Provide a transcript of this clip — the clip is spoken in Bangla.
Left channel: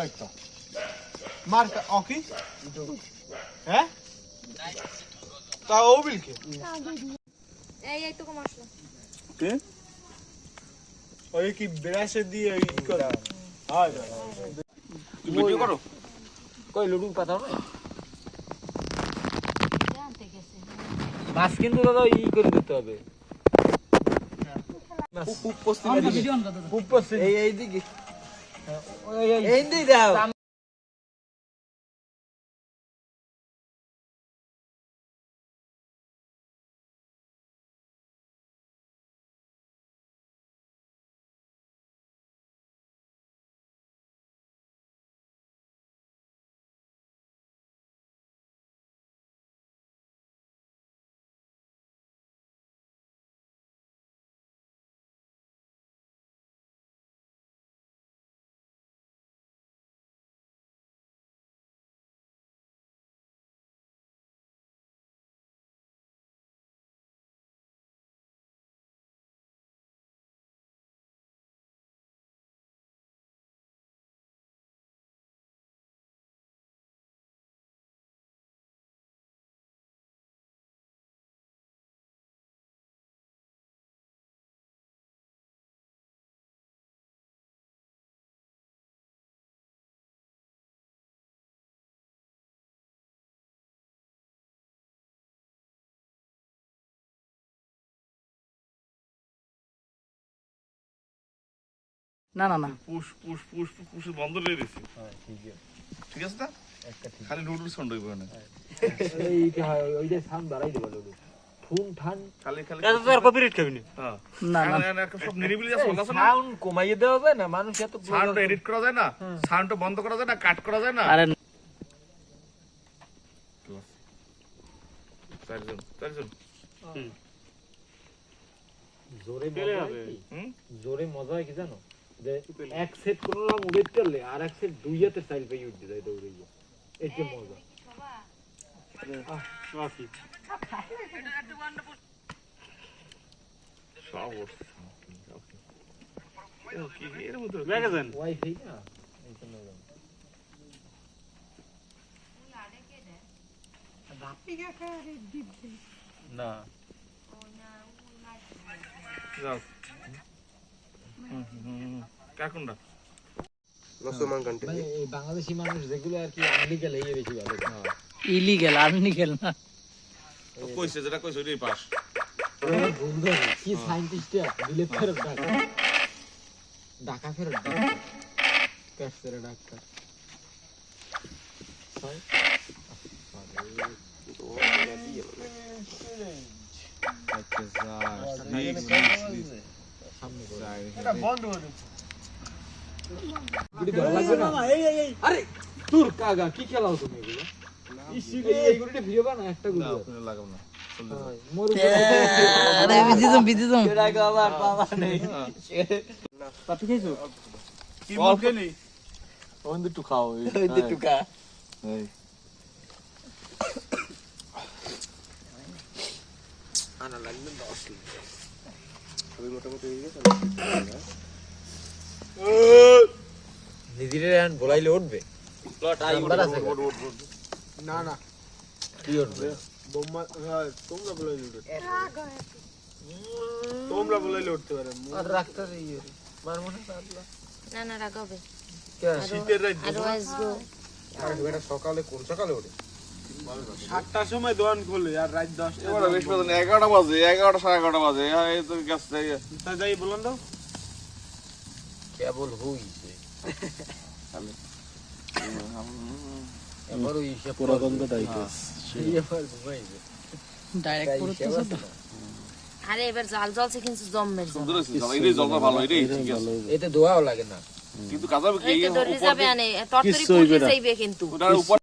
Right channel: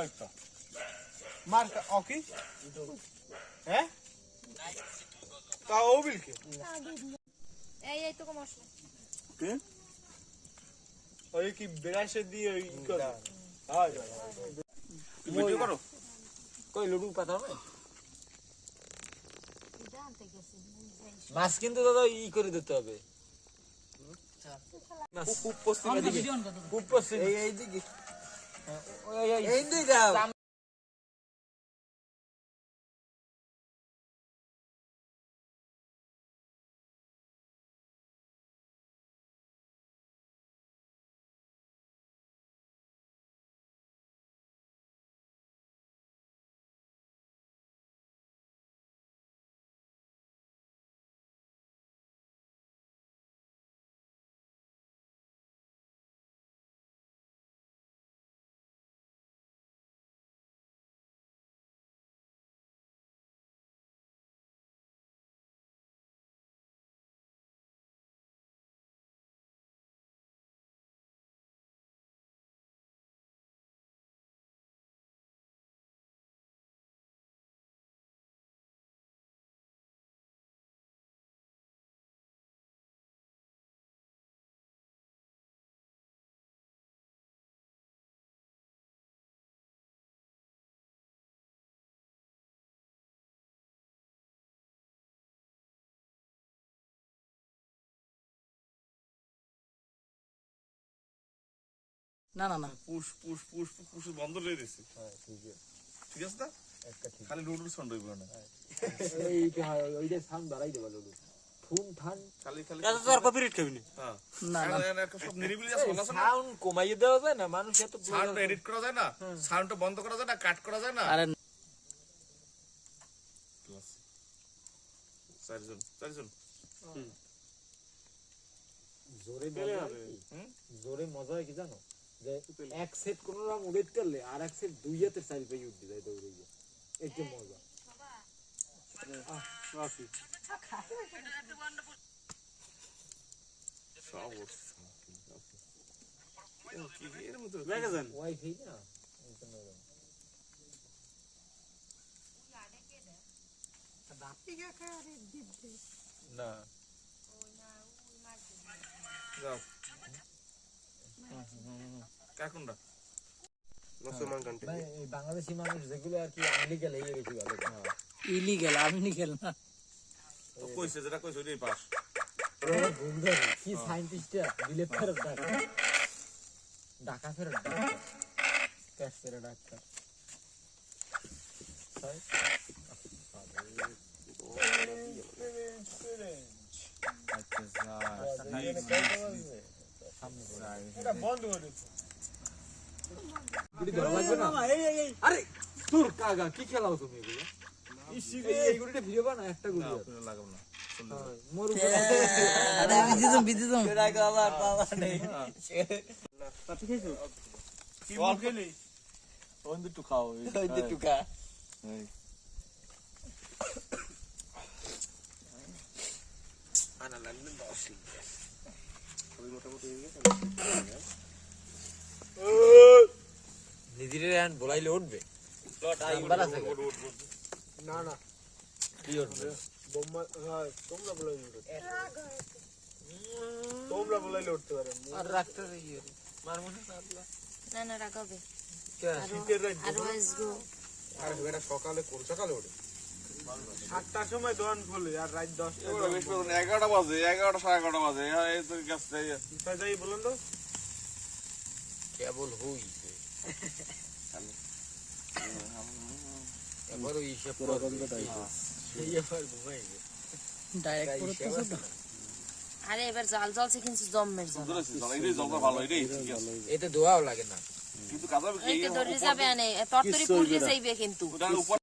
এই তো মার ওকে হ্যাঁ তা ও বিলকে এই তো মশলা কে ওই কি ব্রাশে দিয়ে ই করা হ্যাঁ ভিডিও করো কই লুডু পাতা জানতে গেছে মাছ কিন্তু দাদা ই করে দিতে হবে খুব পশ্চিম খুব পছন্দ এই দিকে এই দিই দাও না না না পুশ পুশ পুশ পুশ বন্ধ করে দিছি হ্যাঁ ঠিক আছে না খালি নুডলস কোন হইব না এইটা ওইটা সাউন্ড বাড়াই দেব লুডু ফোন ঠান খালি খালি এটা তো আর কপিরাইট খাবি না হ্যাঁ না না একটা সব নিরিবিলি আছে বলা আছে না সাউন্ড কমাইয়ে দেওয়া যায় না মানুষ এত সাউন্ড এডিট করা যায় না সাউন্ডটা বন্ধ করা যায় না কাট করা যায় না আরে চারজন জোরে পেলে মজা হবে। কি? হুম জোরে মজা হয় কি জানো যে এক সেট করলাম উড়েট করলে আর এক সেট দুই হাতে সাইড পেয়ে উঠতে যায় দৌড়ে গিয়ে এই যে মজা সব ওকে এর মধ্যে ম্যাগাজিন ওয়াইফাই না এই জন্য না যাও কাকুন্ডা লসমান কান্ট্রি মানে এই বাংলাদেশি মানুষ যেগুলো আর কি আমেরিকা লেগে বেশি ভালো ইলিগেল আনলিগেল না কইছে যেটা কইছে ওইটাই পাস বুঝবে কি সায়েন্টিস্টটা দিলে ফেরত ডাকা ডাকা ফেরত ডাকা ক্যাসের ডাকা এটা বন্ধ করে দিচ্ছি গুড়ি ধরা লাগবে না আরে তোর কাগা কি খেলাও তুমি এগুলো এই গুড়িটা ভিডিও বানা একটা গুড়ি লাগাও না মোর আরে বিদিদম আবার পাওয়া নেই পাতি খাইছো কি মুখে নেই ওন দিটু খাও এই দিটু কা এই আনা লাগবে 10 লিটার সবই মোটামুটি হয়ে গেছে নিদিরে এখন বলাইলে উঠবে নাম্বার আছে না না কি উঠবে বোম্মা তোমরা বলাইলে উঠতে তোমরা বলাইলে উঠতে পারে আর রাখতে দিই মারমু না আল্লাহ না না রাগাবে শীতের রাত আর আসবো আর এটা সকালে কোন সকালে ওঠে 7টার সময় দোকান খোলে আর রাত 10টা এবারে বেশ বেদন 11টা বাজে 11টা 11:30 বাজে এই তো গেছে তা যাই বলুন তো কেবল হইছে এবার ওই সে পুরাতনটাই সেই এবার ঘুমাইছে ডাইরেক্ট করতেছ তো আরে এবার জাল জলছে কিন্তু জম্মের জল সুন্দর আছে এই জলটা ভালো এটাই ঠিক আছে এতে দোয়াও লাগে না কিন্তু কাজাবে কি এই তো দড়ি যাবে আনে তরতরি পুড়ে যাইবে কিন্তু ওটার উপর